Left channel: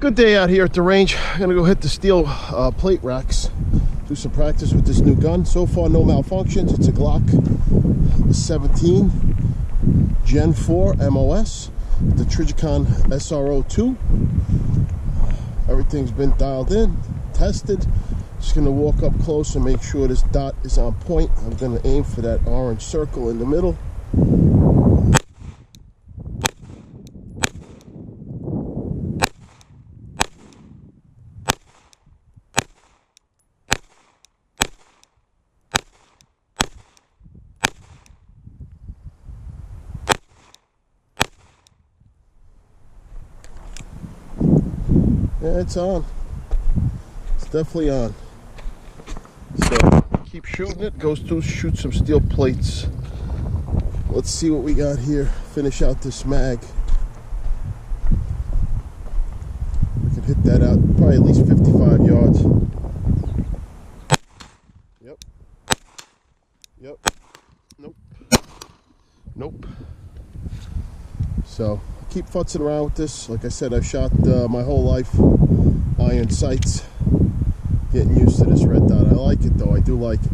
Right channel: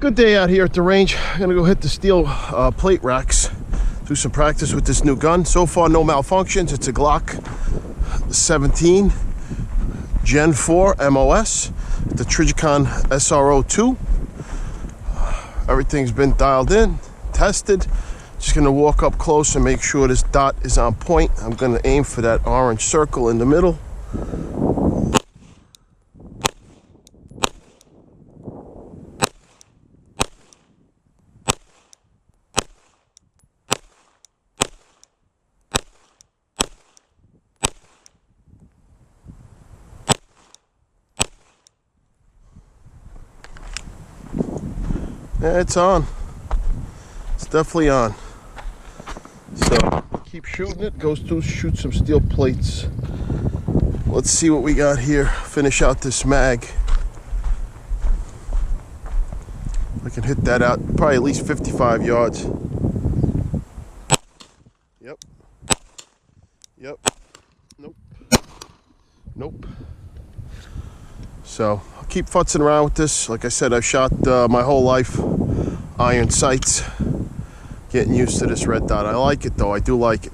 Good day out here at the range. I'm gonna go hit the steel plate racks, do some practice with this new gun. So far, no malfunctions. It's a Glock 17 Gen 4 MOS, the Trijicon SRO2. Everything's been dialed in, tested. Just gonna walk up close and make sure this dot is on point. I'm gonna aim for that orange circle in the middle. Yeah, it's on. It's definitely on. So keep shooting it. Goes to shoot some steel plates. Let's see what we got here. Finish out this mag. I can hit that out probably at least 55 yards. Yep. Yep. Nope. Nope. So I'll keep futzing around with this. Like I said, I've shot my whole life iron sights. Getting used to this red dot. I like it though. I do like it.